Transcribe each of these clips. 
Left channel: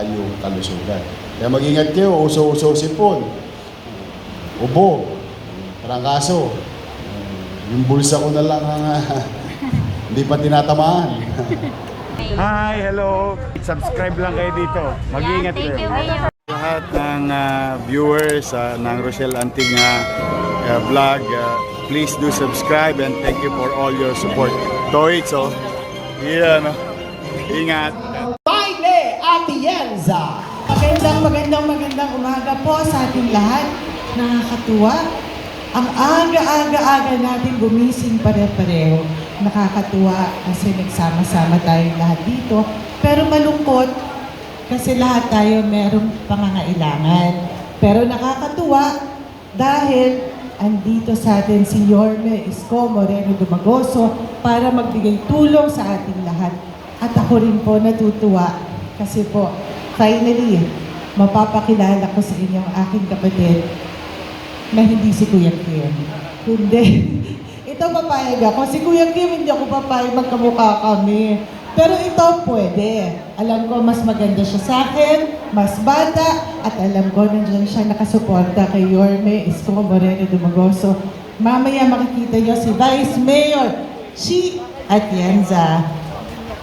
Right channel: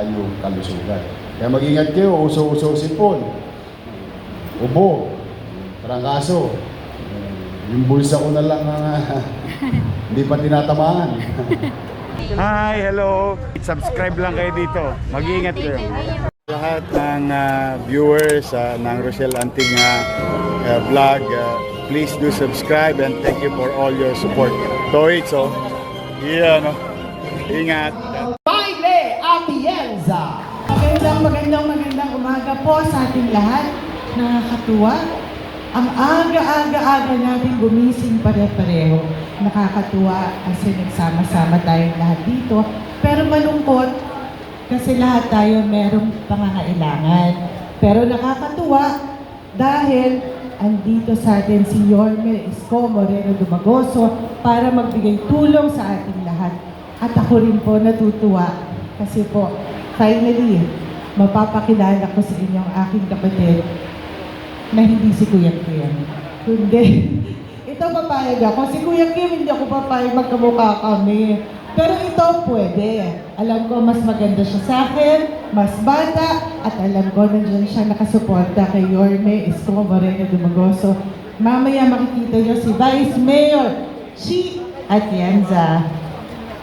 tayong kalusugan. Kaya mag-ingat kayo, uso-uso sipon, ubo, trangkaso. Yung bulsa ko na lang mga hindi pa tinatamaan. Hi, hello. Subscribe lang kayo dito. Mag-ingat kayo. Lahat ng viewers ng Rochelle Anting vlog, please do subscribe and thank you for all your support. Toits, oh. Yeah, no. Ingat. Mayle Atienza. Magandang umaga po sa ating lahat. Nakakatuwa. Ang aga-aga natin gumising pare-pareho. Nakakatuwa kasi nagsama-sama tayo lahat dito. Pero malungkot kasi lahat tayo merong pangangailangan. Pero nakakatuwa dahil andito sa atin si Yorme Isko Moreno Dumagoso para magbigay tulong sa ating lahat. At ako rin po natutuwa kasi po finally mapapakilala ko sa inyo ang aking kapatid na hindi si Kuya Kim. Kundi, ito papayag ako. Si Kuya Kim, hindi ako papayag magkamukha kami. Pero ito pwede. Alam ko mas maganda siya sa akin, mas bata, at alam ko nandiyan siya nakasuporta kay Yorme Isko Moreno Dumagoso. Mamaya makikita niyo si Vice Mayor Chi Atienza.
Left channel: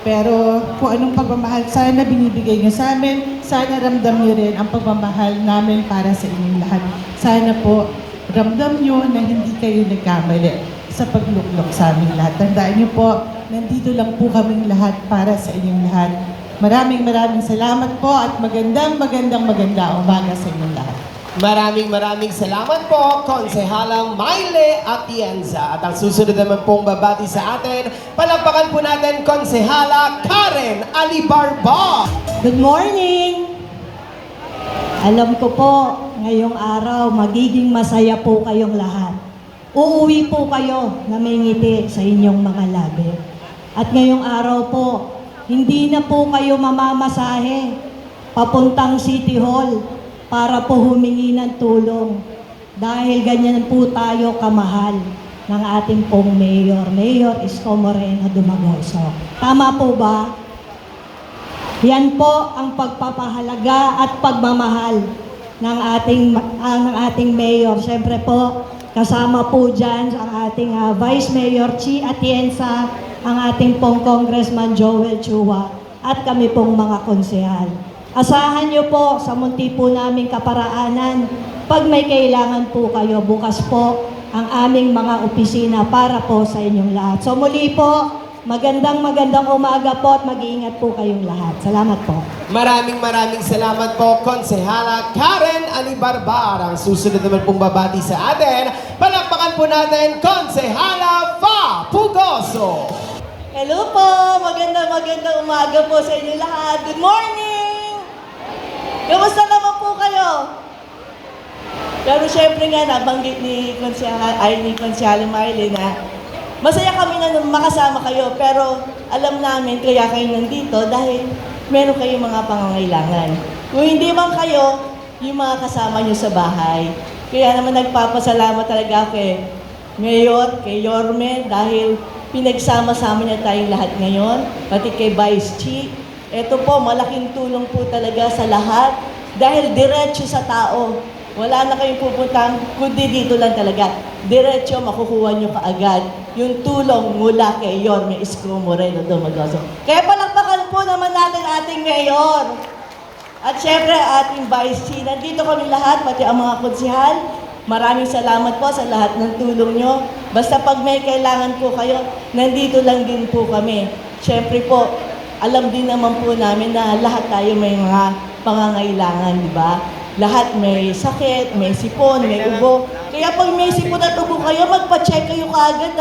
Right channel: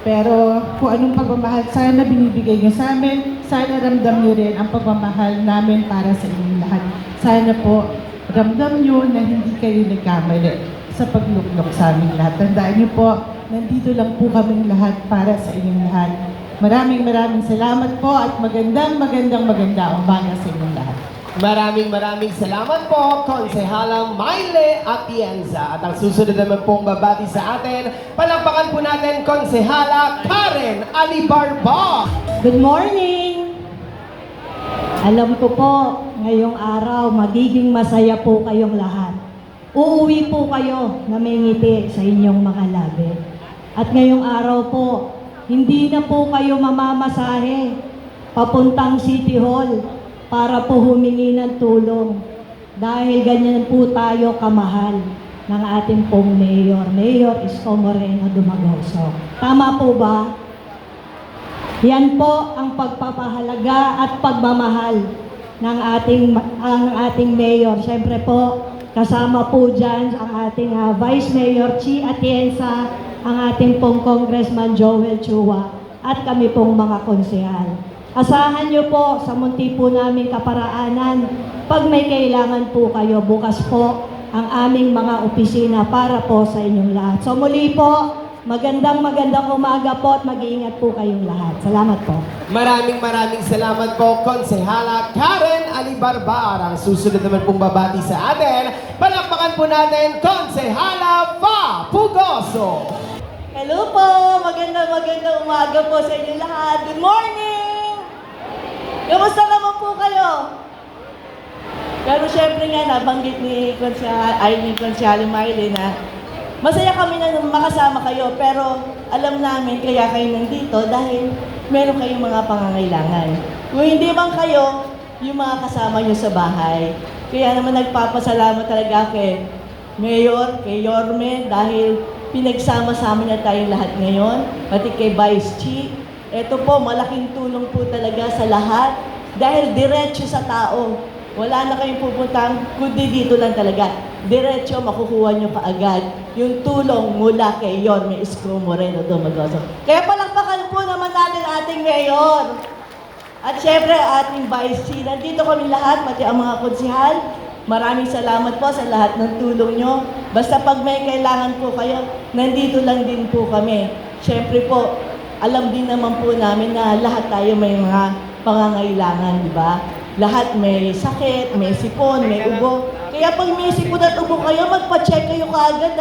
Pero kung anong pagmamahal sana binibigay niyo sa amin, sana ramdam niyo rin ang pagmamahal namin para sa inyong lahat. Sana po ramdam niyo na hindi kayo nagkamali sa pagluklok sa amin lahat. Tandaan niyo po, nandito lang po kaming lahat para sa inyong lahat. Maraming salamat po at magandang umaga sa inyong lahat. Maraming salamat po, Konsehalang Mayle Atienza. At ang susunod naman pong babati sa atin, palakpakan po natin Konsehala Karen Alibarba. Good morning! Alam ko po, ngayong araw, magiging masaya po kayong lahat. Uuwi po kayo namingiti sa inyong mga labi. At ngayong araw po, hindi na po kayo mamamasahe papuntang City Hall para po humingi ng tulong. Dahil ganyan po tayo kamahal ng ating pong Mayor Isko Moreno Dumagoso. Tama po ba? Yan po ang pagpapahalaga at pagmamahal ng ating mayor. Siyempre po, kasama po dyan ang ating Vice Mayor Chi Atienza, ang ating pong Congressman Joel Chua, at kami pong mga konsehal. Asahan niyo po sa munti po naming kaparaanan, pag may kailangan po kayo, bukas po ang aming mga opisina para po sa inyong lahat. So muli po, magandang umaga po at mag-iingat po kayong lahat. Salamat po. Maraming salamat po, Konsehala Karen Alibarbar. Ang susunod naman pong babati sa atin, palakpakan po natin Konsehala Fa Pugoso. Hello po, magandang umaga po sa inyo lahat. Good morning! Kamusta naman po kayo? Pero syempre nga, nabanggit ni Konsyal Mayle na masaya kami na makasama kayo, pero alam namin kaya kayo nandito dahil meron kayong mga pangangailangan. Kung hindi man kayo, yung mga kasama nyo sa bahay. Kaya naman nagpapasalamat talaga kay Mayor, kay Yorme, dahil pinagsama-sama niya tayong lahat ngayon, pati kay Vice Chi. Ito po, malaking tulong po talaga sa lahat dahil diretso sa tao. Wala na kayong pupuntang, kundi dito lang talaga. Diretso, makukuha nyo kaagad yung tulong mula kay Yorme Isko Moreno Dumagoso. Kaya palakpakan po naman natin ating Mayor. At syempre, ating Vice Chi. Nandito kami lahat, pati ang mga konsehal. Maraming salamat po sa lahat ng tulong nyo. Basta pag may kailangan po kayo, nandito lang din po kami. Syempre po, alam din naman po namin na lahat tayo may mga pangangailangan, di ba? Lahat may sakit, may sipon, may ubo. Kaya pag may sipon at ubo kayo, magpa-check kayo kaagad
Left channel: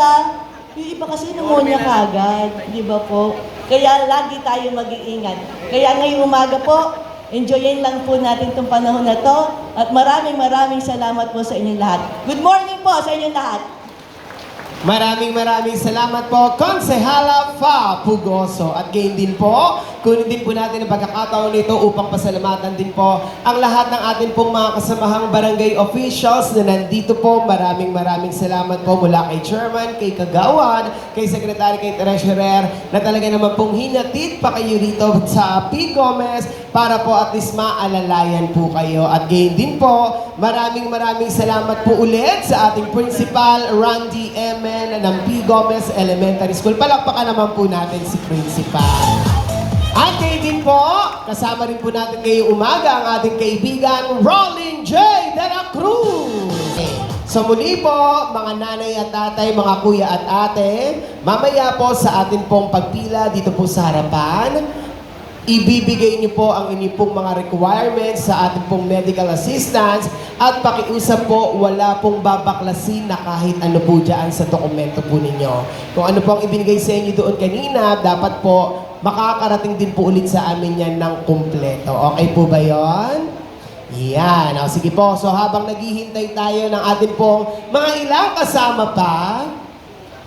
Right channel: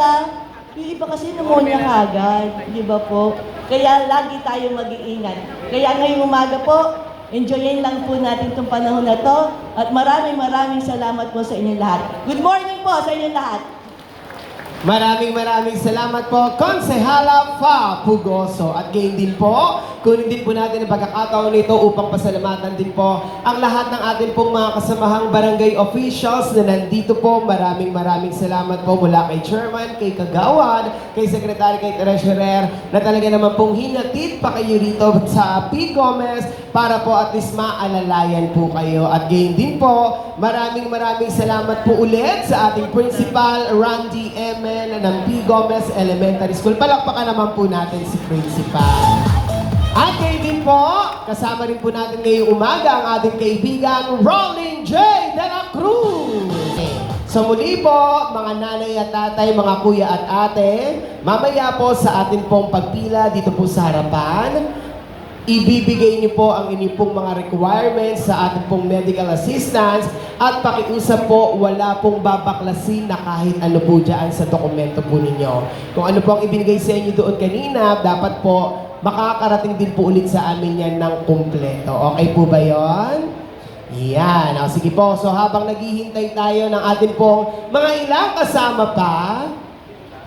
Yung iba kasi pneumonia kaagad, di ba po? Kaya lagi tayong mag-iingat. Kaya ngayong umaga po, enjoyin lang po natin itong panahon na to. At maraming salamat po sa inyong lahat. Good morning po sa inyong lahat. Maraming salamat po, Konsehala Fa Pugoso. At gayon din po, kunin din po natin ang pagkakataon nito upang pasalamatan din po ang lahat ng ating pong mga kasamahang barangay officials na nandito po. Maraming salamat po mula kay Chairman, kay Kagawad, kay Secretary, kay Treasurer, na talaga naman pong hinatid pa kayo rito sa P. Gomez para po at least maalalayan po kayo. At gayon din po, maraming salamat po ulit sa ating Principal, Randy Emen ng P. Gomez Elementary School. Palakpakan naman po natin si Principal. At kayo din po, kasama rin po natin ngayong umaga ang ating kaibigan, Rolling J. De La Cruz. So muli po, mga nanay at tatay, mga kuya at ate, mamaya po sa atin pong pagpila dito po sa harapan, ibibigay niyo po ang inyong pong mga requirements sa ating pong medical assistance at pakiusap po, wala pong babaklasin na kahit ano po dyan sa dokumento po ninyo. Kung ano po ang ibinigay sa inyo doon kanina, dapat po makakarating din po ulit sa amin yan ng kumpleto. Okay po ba yon? Yan. O, sige po. So habang naghihintay tayo ng ating pong mga ilang kasama pa,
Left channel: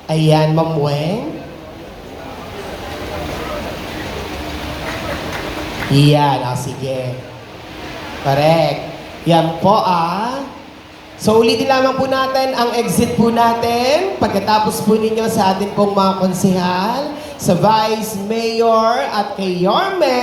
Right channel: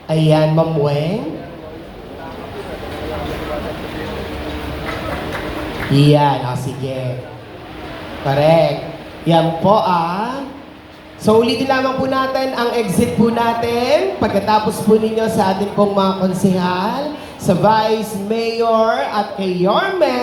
ayan, Ma'am Wen. Yan, sige. Correct. Yan po So ulitin lamang po natin ang exit po natin pagkatapos po ninyo sa ating pong mga konsehal, sa Vice Mayor at kay Yorme.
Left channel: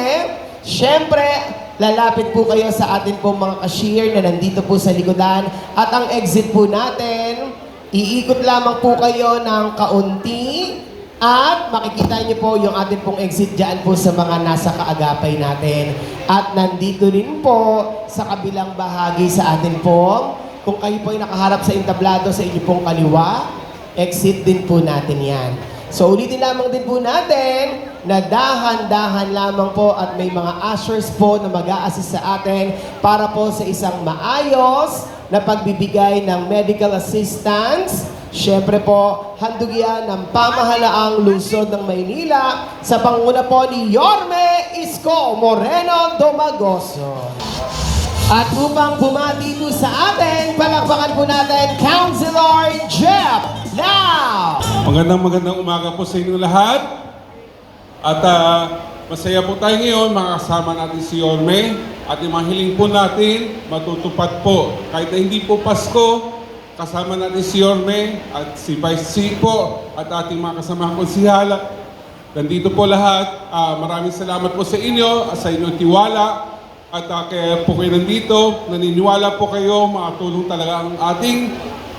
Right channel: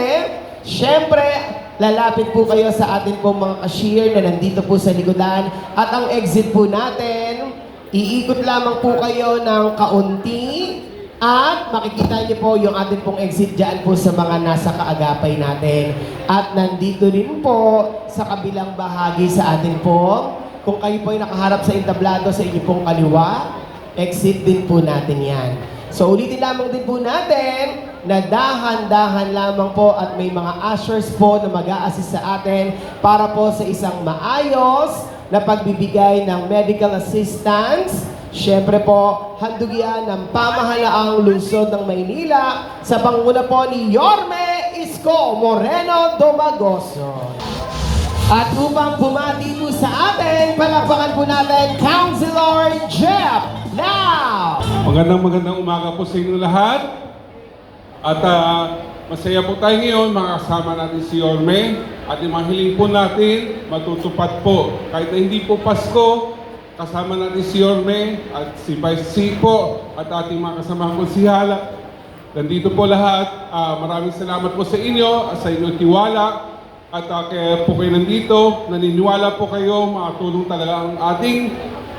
Siyempre, lalapit po kayo sa ating pong mga cashier na nandito po sa likodan. At ang exit po natin, iikot lamang po kayo ng kaunti. At makikita niyo po yung ating pong exit dyan po sa mga nasa kaagapay natin. At nandito rin po sa kabilang bahagi sa atin po, kung kayo po ay nakaharap sa entablado sa inyo pong kaliwa, exit din po natin yan. So ulitin lamang din po natin na dahan-dahan lamang po at may mga ushers po na mag-a-assist sa atin para po sa isang maayos na pagbibigay ng medical assistance. Siyempre po, handog yan ng pamahalaang lungsod ng Maynila sa panguna po ni Yorme Isko Moreno Domagoso. At upang bumati po sa atin, palakpakan po natin Councilor Jeff Now! Magandang umaga po sa inyo lahat. At masaya po tayo ngayon, makakasama natin si Yorme. At yung mga hiling po natin, matutupad po. Kahit na hindi po Pasko, kasama natin si Yorme at si Vice C po at ating mga kasama konsihala. Nandito po lahat. Maraming salamat po sa inyo, sa inyong tiwala. At kaya po kayo nandito, naniniwala po kayo, makatulong talaga ang ating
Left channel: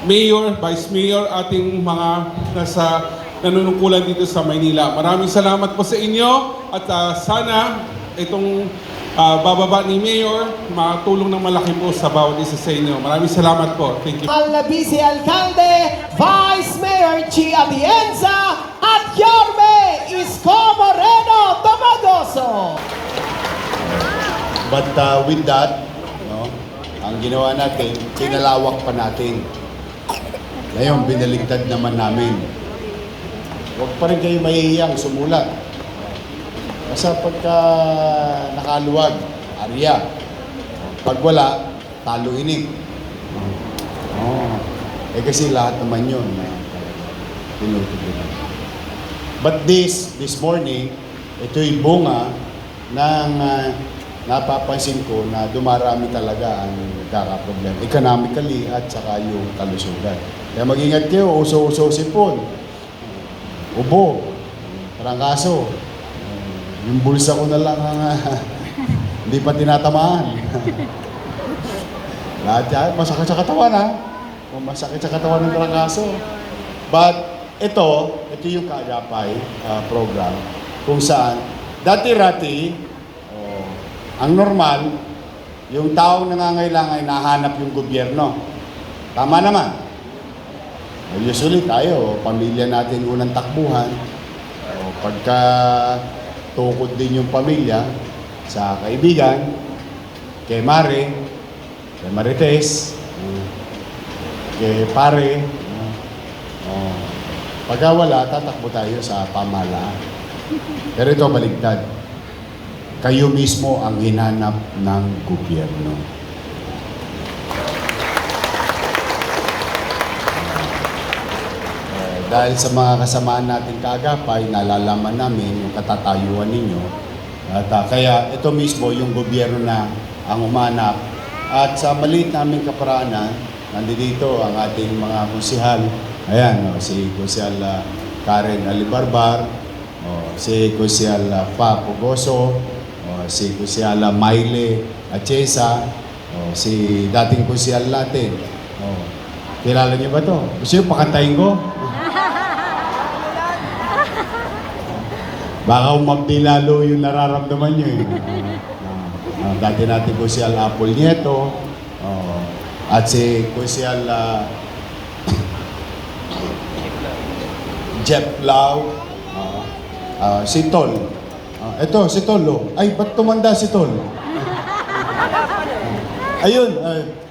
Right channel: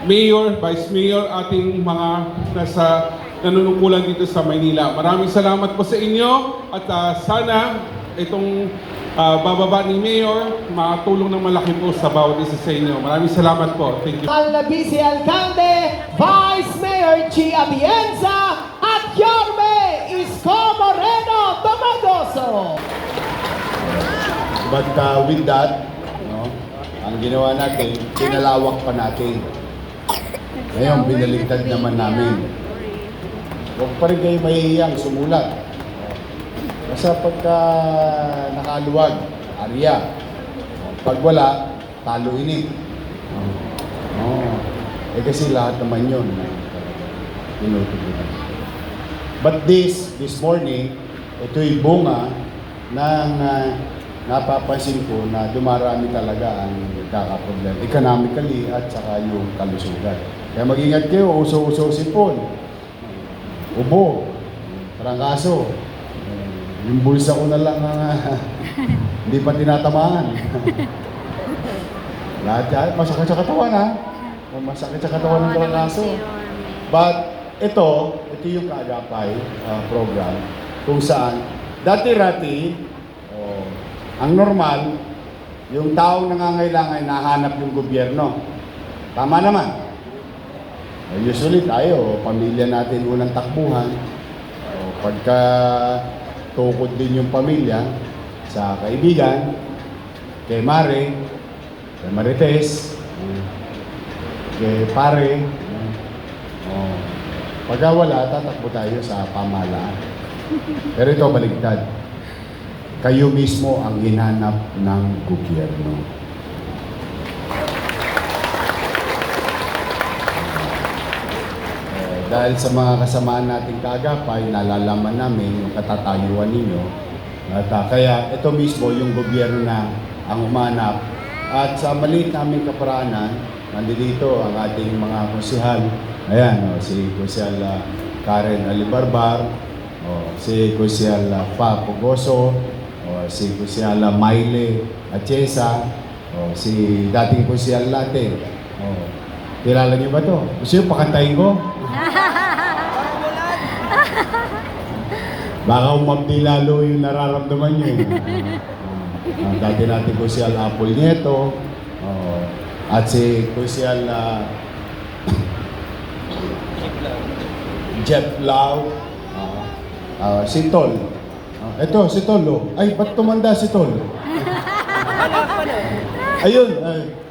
Mayor, Vice Mayor, ating mga nasa nanunungkulan dito sa Maynila. Maraming salamat po sa inyo at sana itong bababa ni Mayor, makatulong ng malaki po sa bawat isa sa inyo. Maraming salamat po. Thank you. Ang Vice Alcalde, Vice Mayor Chi Atienza at Yorme Isko Moreno Domagoso. But with that, ang ginawa natin, kinalawak pa natin. Ngayon, binaligtad naman namin. Huwag pa rin kayo mahihiyang sumulat. Basta pagka nakaluwag, arya. Pag wala, talo inip. Kasi lahat naman yun. But this morning, ito'y bunga ng napapansin ko na dumarami talaga ang nagkakaproblema economically at saka yung kalusugan. Kaya mag-ingat kayo, uso-uso sipon, ubo, trangkaso, yung bulsa ko na lang mga hindi pa tinatamaan. Lahat yan, masakit sa katawan ha. Masakit sa katawan ng trangkaso. But ito yung kaagapay program kung saan dati-rati ang normal, yung taong nangangailangan ay nahanap yung gobyerno. Tama naman. Usually tayo, pamilya natin unang takbuhan. Pagka tukod din yung pamilya sa kaibigan, kay Mare, kay Marites, kay Pare. Pagka wala, tatakbo tayo sa pamahalaan. Pero ito baligtad. Kayo mismo ang hinanap ng gobyerno. dahil sa mga kasamaan natin kaagapay, nalalaman namin yung katatayuan ninyo. At kaya ito mismo yung gobyerno na ang umanap. At sa maliit naming kaparaanan, nandito ang ating mga konsehal. Ayan, si Konsehal Karen Alibarbar, si Konsehal Fa Pugoso, si Konsehal Maile Achesa, si dating Konsehal natin. Kilala niyo ba to? Gusto niyo pakantayin ko? Baka umabdi lalo yung nararamdaman niyo. Dati natin Konsehal Apple Nieto, at si Konsehal Jeff Lau, si Tol. Ito, si Tol. Ay, ba't tumanda si Tol? Ayun,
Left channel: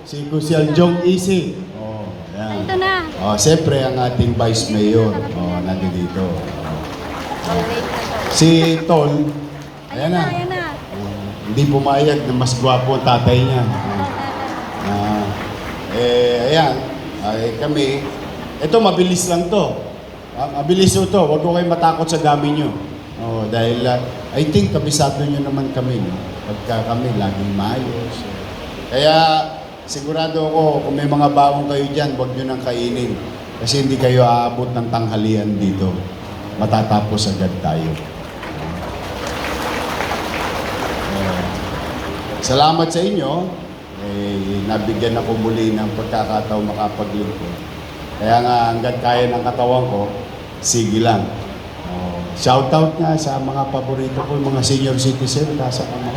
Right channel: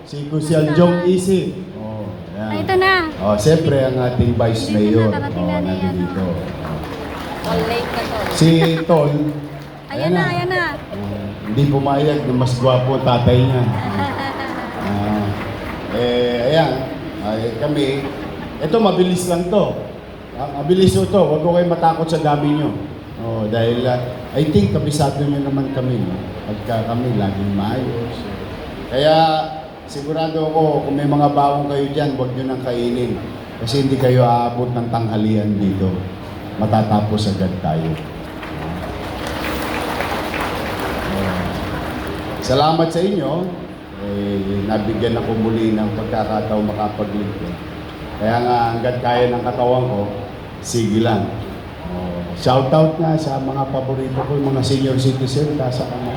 si Konsehal Jong Isi. Yan. Ito na. Siyempre, ang ating Vice Mayor. Nandito. Si Tol. Ayan na, ayan na. Hindi pumayag na mas gwapo ang tatay niya. Ayan. Kami. Ito, mabilis lang to. Mabilis ito. Huwag ko kayo matakot sa dami nyo. Dahil I think kabisado nyo naman kami. No? Pagka kami laging maayos. Kaya sigurado ako kung may mga bawang kayo dyan, huwag nyo nang kainin. Kasi hindi kayo aabot ng tanghalian dito. Matatapos agad tayo. Salamat sa inyo. Nabigyan ako muli ng pagkakataon makapaglingkod. Kaya nga hanggat kaya ng katawan ko, sige lang. Shout out na sa mga paborito ko, mga senior citizen, nasa kami.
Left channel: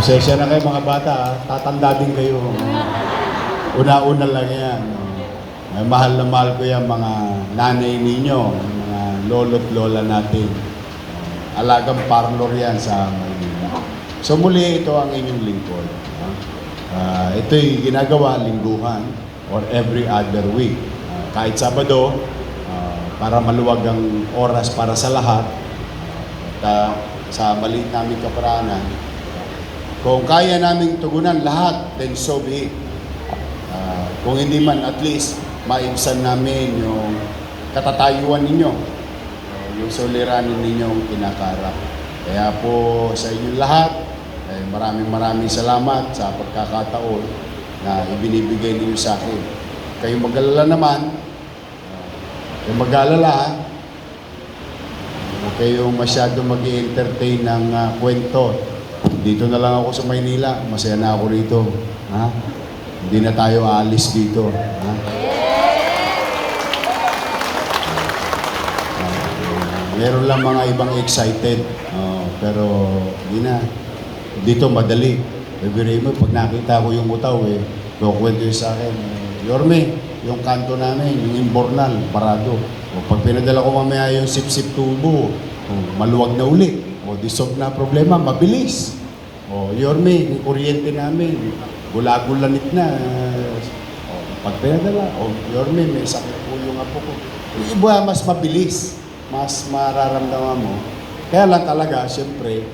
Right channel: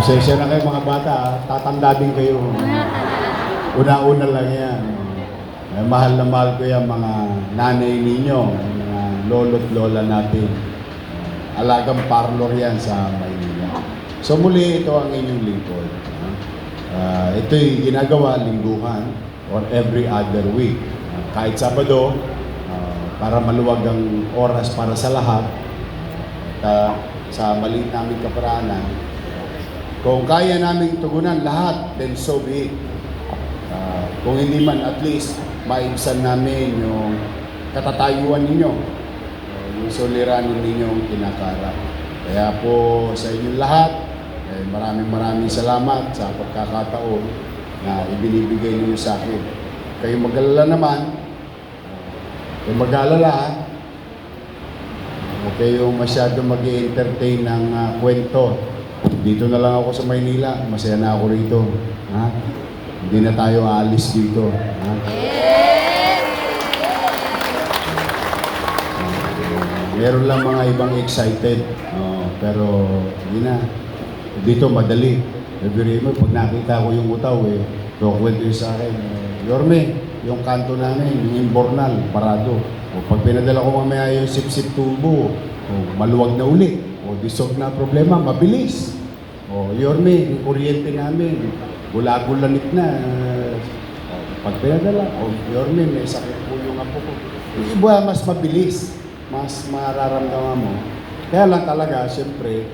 Pasensya na kayo mga bata, tatanda din kayo. Una-una lang yan. Mahal na mahal ko yan mga nanay ninyo, mga lolo't lola natin. Alagang parlor yan sa Maynila. So muli, ito ang inyong lingkod. Ito'y ginagawa lingguhan or every other week. Kahit Sabado, para maluwag ang oras para sa lahat. At sa maliit naming kaparaanan, kung kaya naming tugunan lahat, then so be it. Kung hindi man, at least, maibsan namin yung katatayuan ninyo, yung suliranin ninyong kinakaharap. Kaya po sa inyong lahat, maraming salamat sa pagkakataon na ibinibigay ninyo sa akin. Kayo mag-alala naman, kayo mag-alala, huwag kayong masyado mag-i-entertain ng kwento. Dito na lang ako sa Maynila, masaya na ako rito. Ha? Hindi na tayo aalis dito. Ha? Meron lang mga ibang excited, pero hindi na. Dito madali. Sabihin mo, pag nakita ko yung utaw, kukwento yun sa akin. Yorme, yung kanto namin, yung Imbornal, parado. Pag pinadala ko mamaya yung sip-sip tubo, maluwag na ulit. Dissolve na problema, mabilis. Yorme, yung kuryente namin, gulagulanit na. Pag pinadala, Yorme, may sakit po yung apo ko. Yung iba, mas mabilis. Mas mararamdaman mo. Kaya lang talaga, siyempre,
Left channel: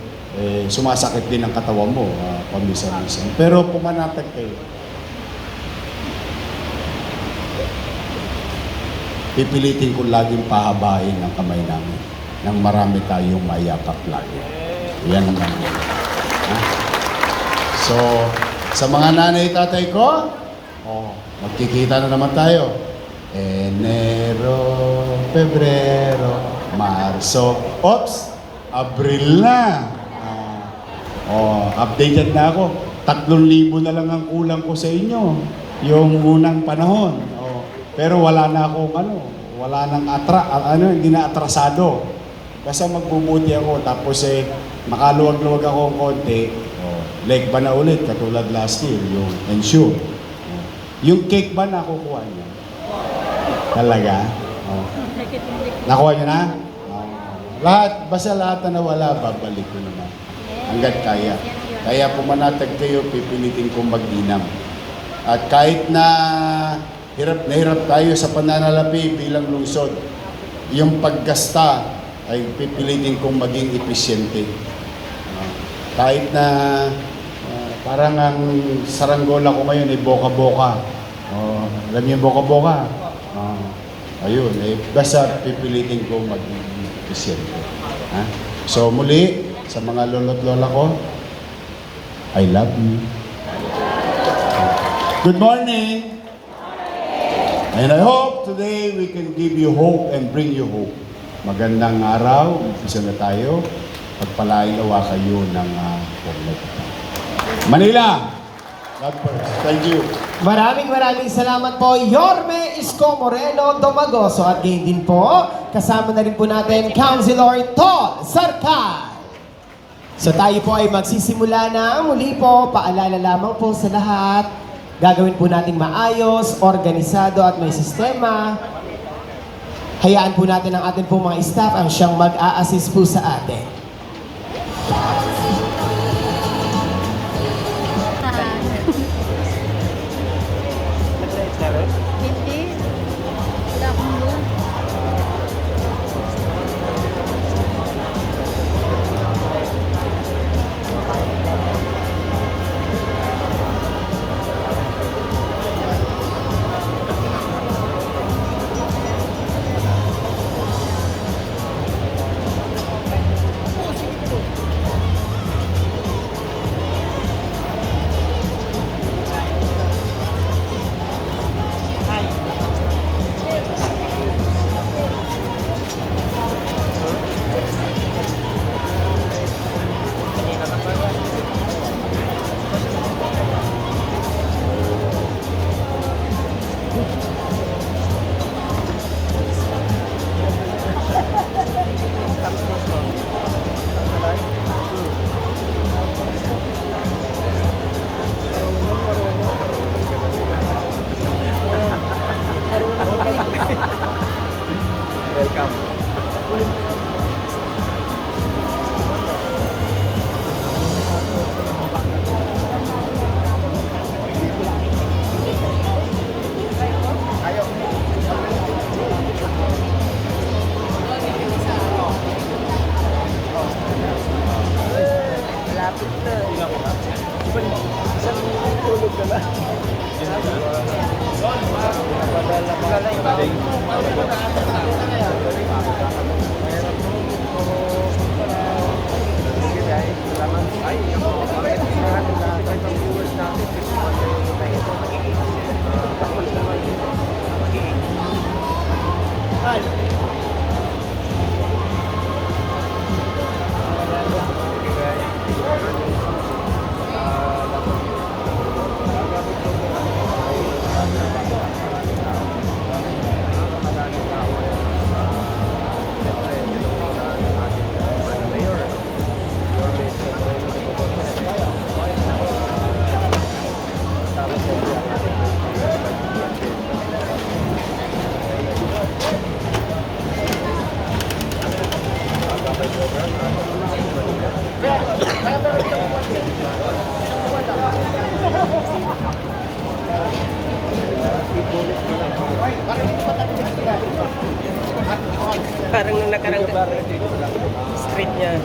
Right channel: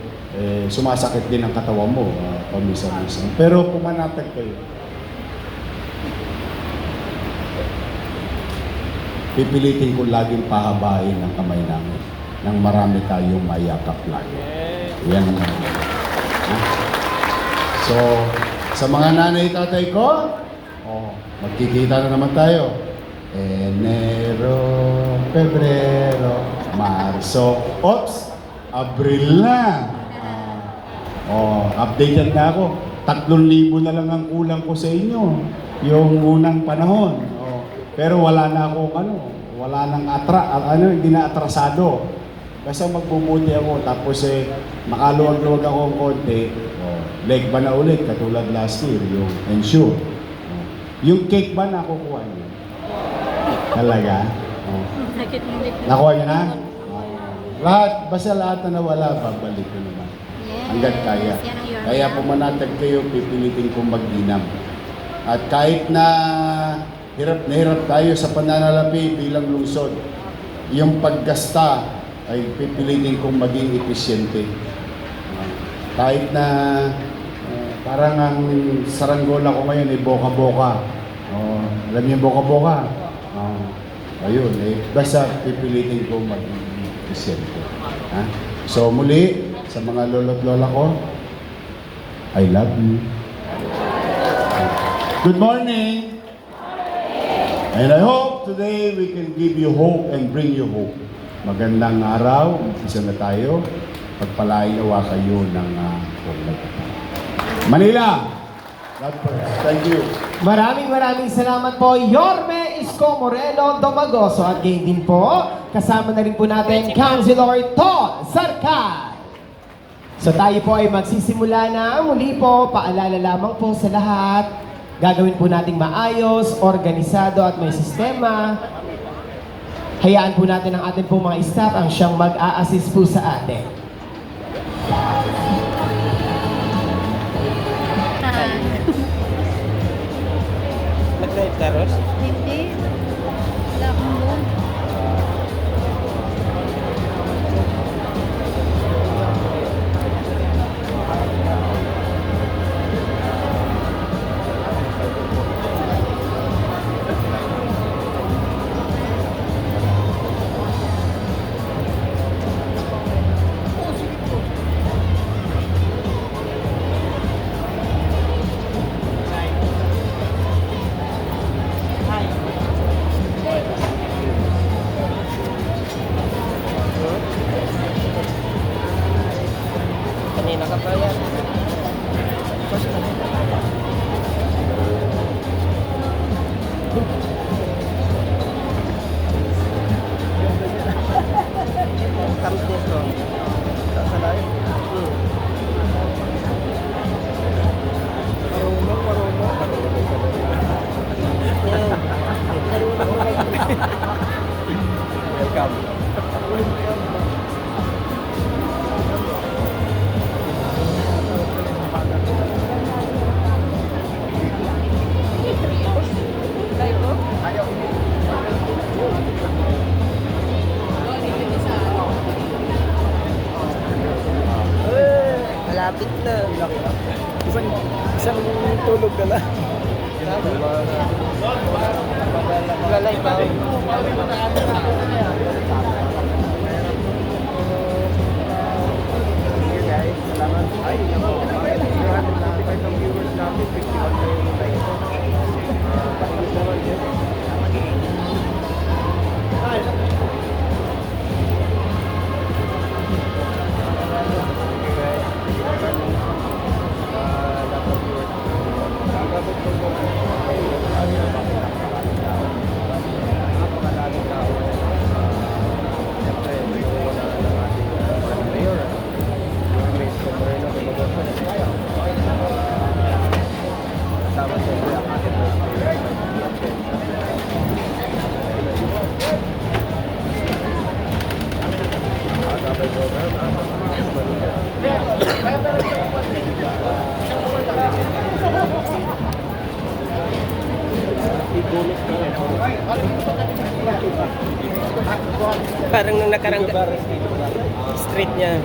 sumasakit din ang katawan mo, pamisa-misa. Pero pumanatag kayo. Pipilitin ko laging pahabain ang kamay namin nang marami tayong mayakap lagi. Yan ang So, sa mga nanay tatay ko, magkikita na naman tayo. Enero, Pebrero, Marso, Abril na. Updated na ako. 3,000 na lang ang kulang ko sa inyo. Yung unang panahon. Pero wala na akong wala nang hindi na atrasado. Basta magbubuti ako. Tapos makaluwag-luwag ako ng konti. Leg ba na ulit katulad last year, yung ensure. Yung cake ba nakukuha niyo? Talaga? Nakuha niyo na? Basta lahat na nawala, babalik ko naman. Hanggat kaya. Kaya pumanatag kayo, pipilitin kong mag-inam. At kahit na hirap na hirap tayo sa pananalapi bilang lungsod, yung paggasta ay pipilitin kong maging episyente. Kahit na parang ang saranggola ko ngayon ay boka-boka. Alam niyo boka-boka? ayun, basta pipilitin ko mag-Disyembre. Ha? So muli, sa mga lolo't lola ko, I love you. Good morning! And I hope today we can give you hope and bring you hope. Magandang araw, umpisa na tayo. Pagpalain nawa kayo ng Manila! God bless. Thank you. Maraming salamat po, Yorme Isko Moreno Domagoso. At gayon din po, kasama na rin po natin, Councilor To Sarka. So tayo po ay magsisimula na. Muli po, paalala lamang po sa lahat. Gagawin po nating maayos, organisado at may sistema. Hayaan po natin ang ating po mga staff ang siyang mag-a-assist po sa atin. Hindi. Wala akong loan. Parang nung nakarang street niya.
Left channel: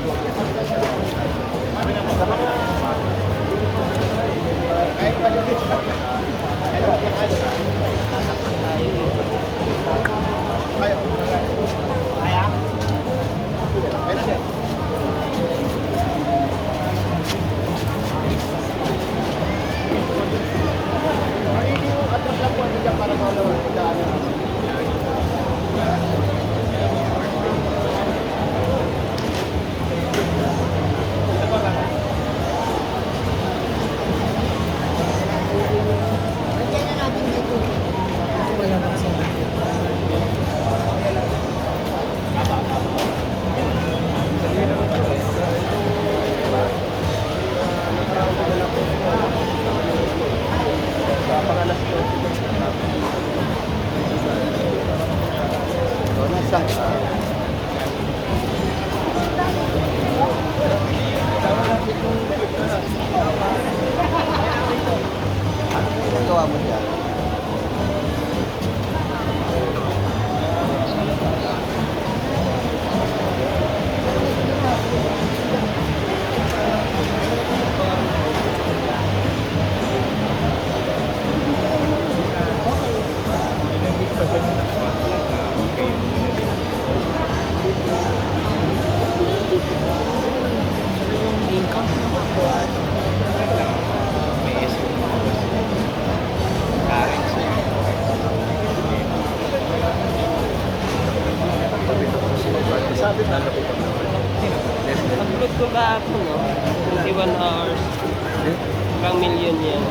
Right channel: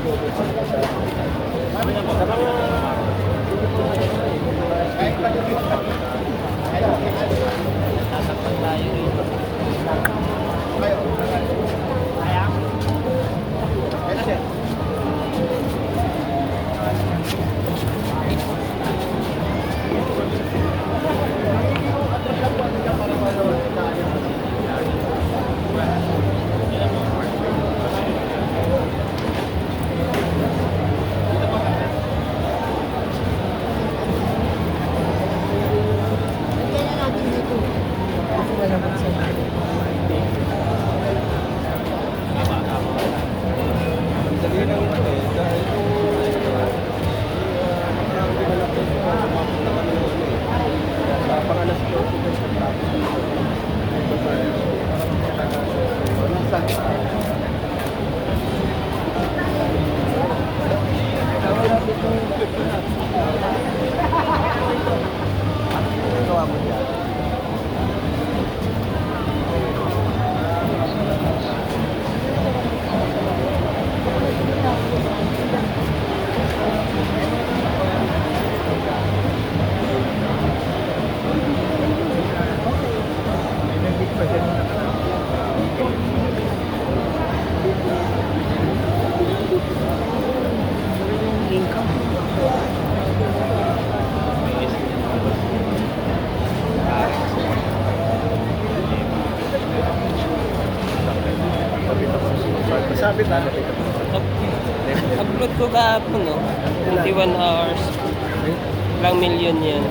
Ilang million yan.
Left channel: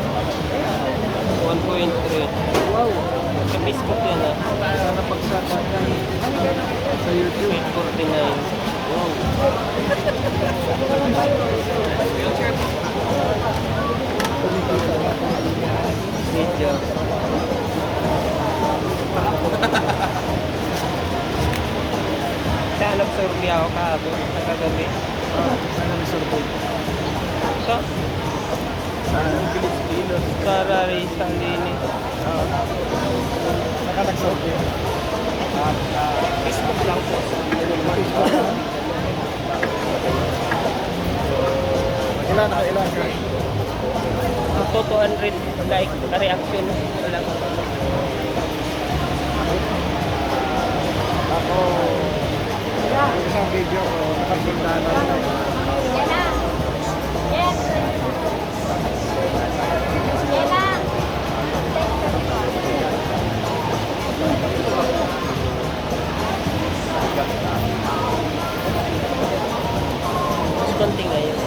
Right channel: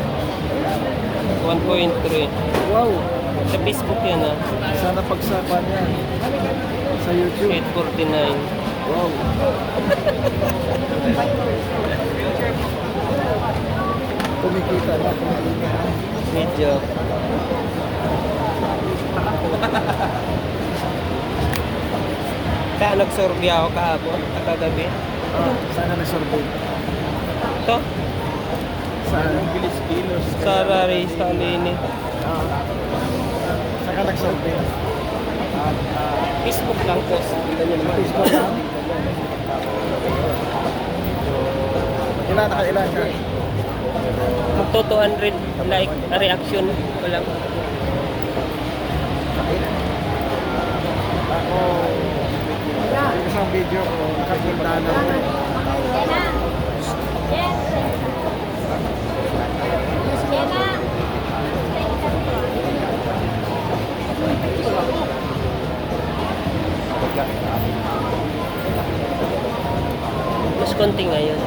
1.3. Wow. Sa Facebook yan ah. Sana pagsaka yan. Sa YouTube. 849. Wow. Kumikita ba? Video. Kaya nagsordi ako kahapon, kagabi. Saan nagsordi? Ito? Saan? Sa Rari, sa Lini. Saka nagsordi? Facebook lang po. Facebook lang? Ilan ka? Up to 200 like reaction. Walang. Ako, yung isang video ko, nakapunta na rin eh. Mas konti ngayon.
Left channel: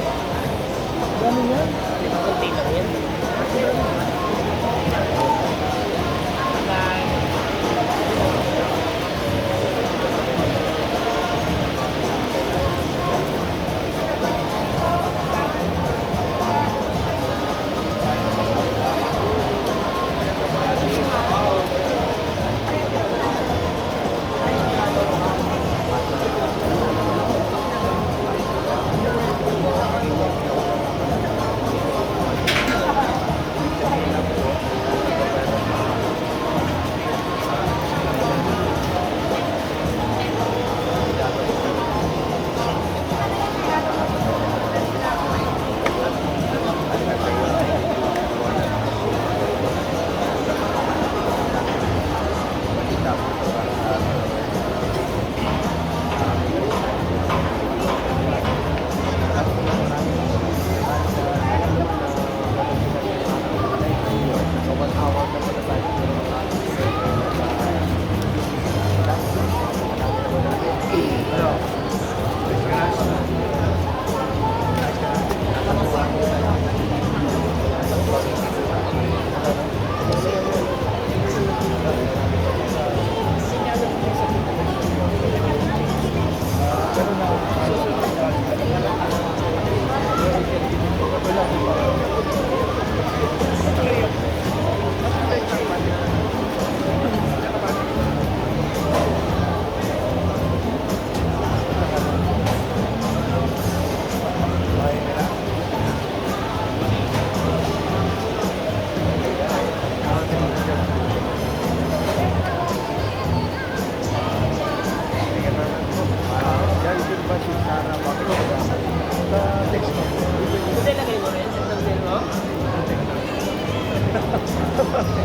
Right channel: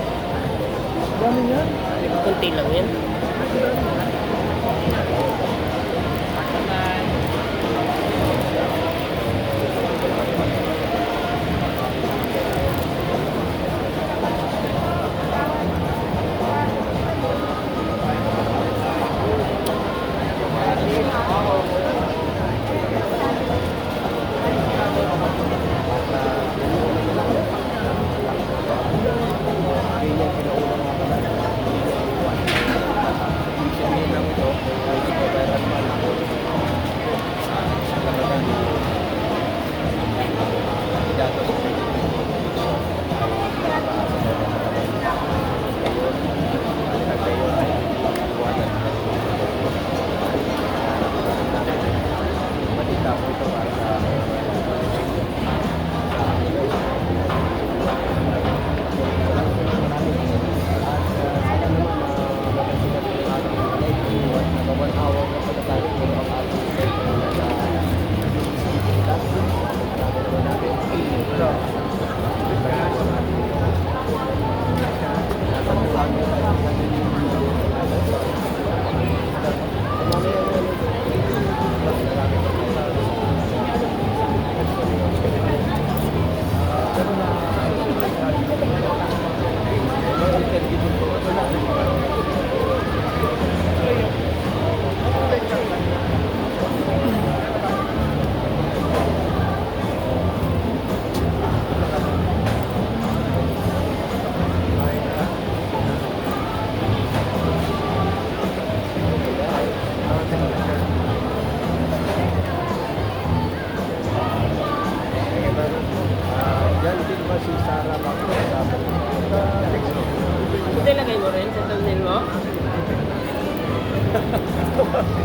Dami yan? Konti lang yan.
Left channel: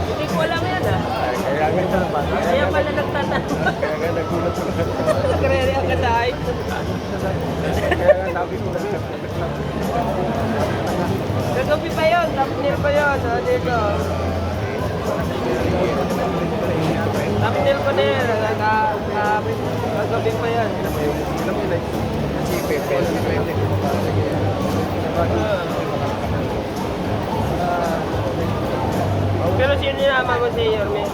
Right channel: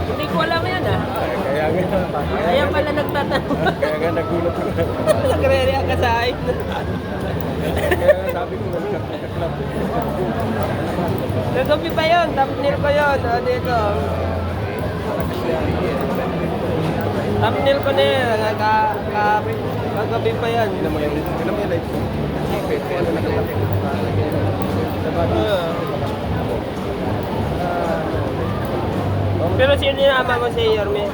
Hindi ko alam yan ah. Kaya pala nagtatanong. Kaya nga nagulat ako. Nagre-react ka sa hype. Kaya nga sabi ko nagtatanong. Nagabi pa yun. Thumbnail ko yun. Dito. Thumbnail ko na yun. Nagabi pa yan. Ilan mo yung like? Pero sino yung ama ko si Yorme?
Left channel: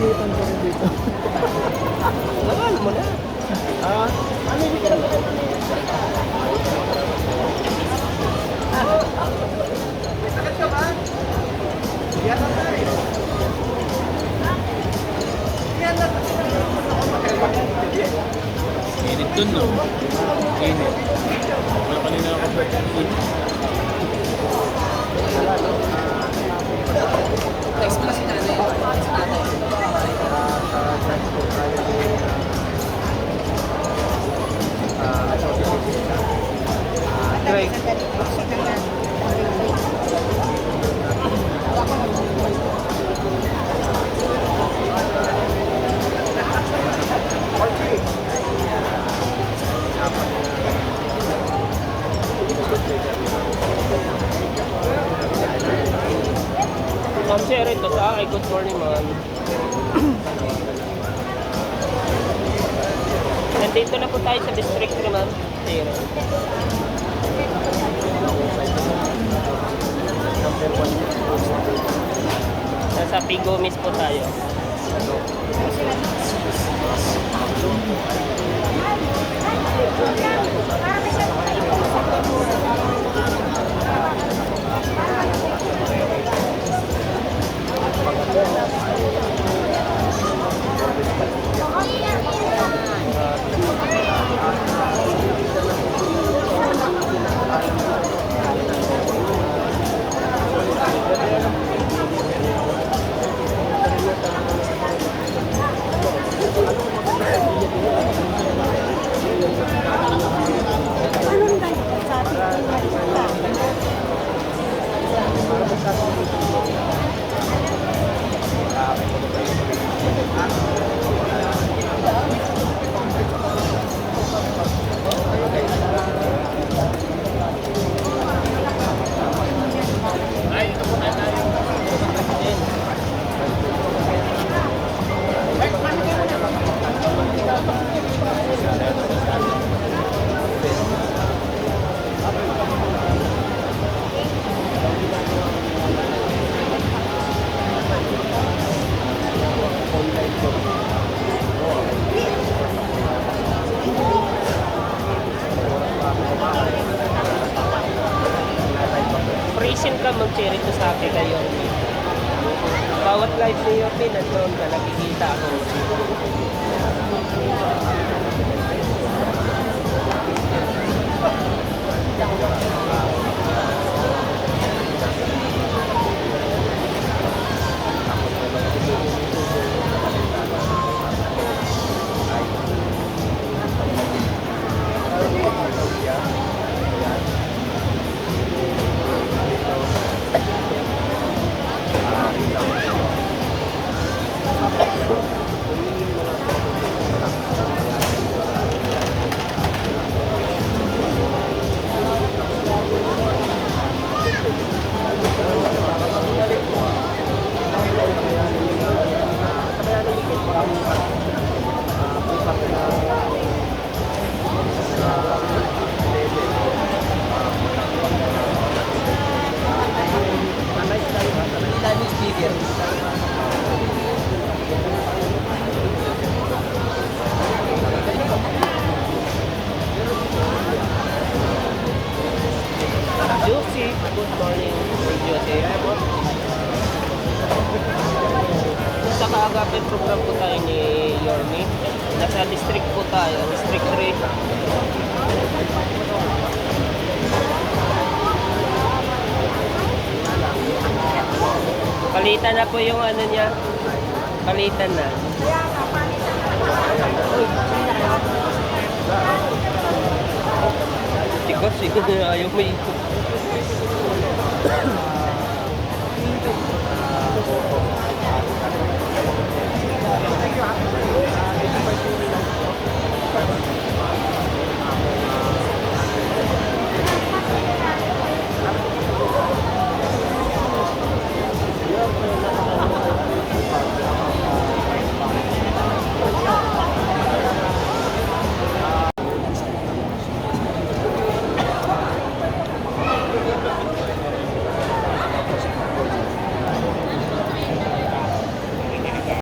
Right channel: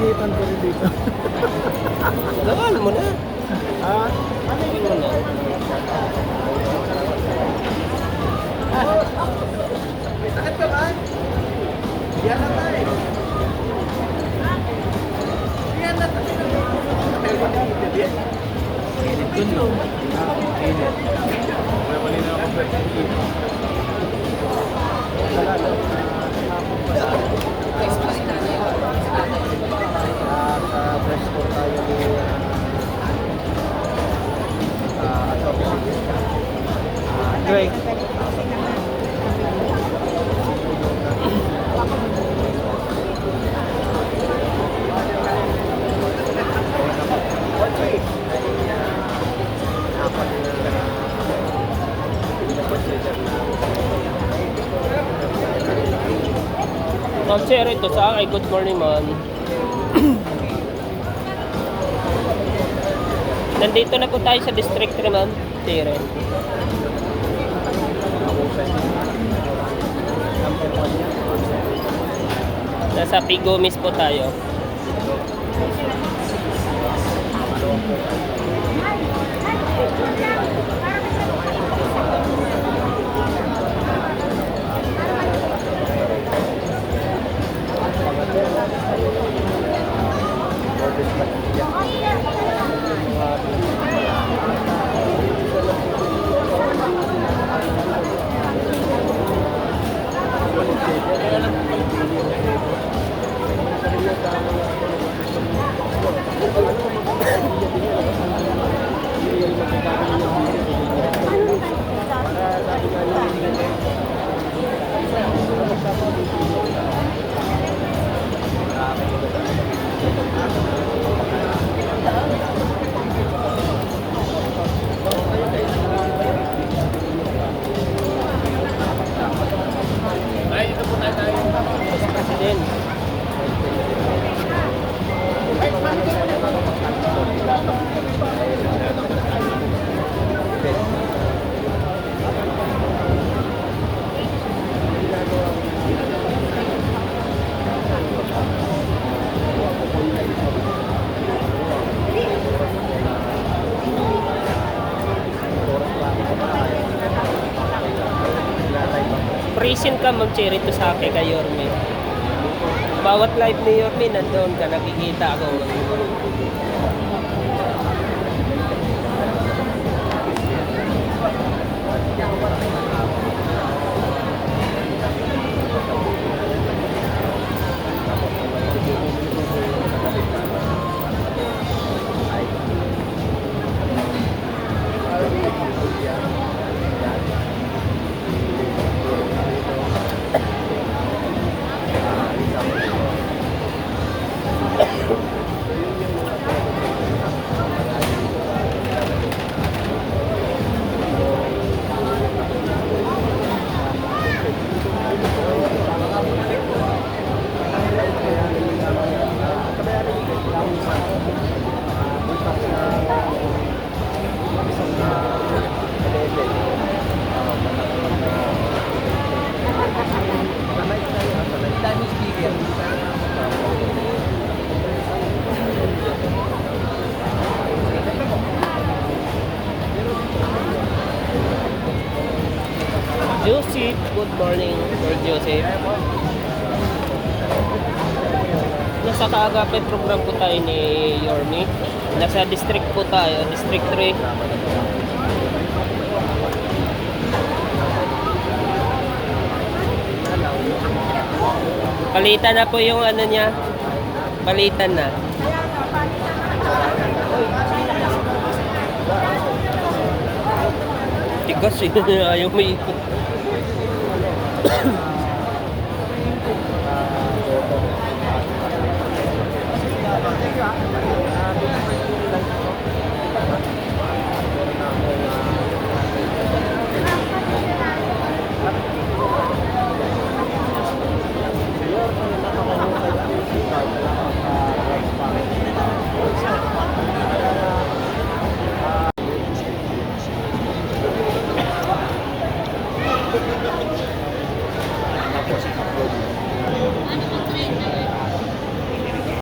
Nagigitan ko rin dito. Ano mo na? Ah? May sakit ka ba? Yan na tayo. Yan na tayo. Dun no? Wala kanina ako Great. Ma'am Sherry, ito sa akin. Good morning, ma'am. Nandito na po tayo sa district na, ma'am. Sherry. Nasa Pigomis po tayo. Present ka mag-share ito sa akin kay Yorme. Bawat live ni Yorme, nandun ka, nakikita ko. Joseph, good morning, Sir Joseph. Nasa kaagapit program po tayo ni Yorme. Nasa district po tayo, district 3. Palitan na po yung ano niya. Palitan na. Tigas eh. Ayaw may ipok.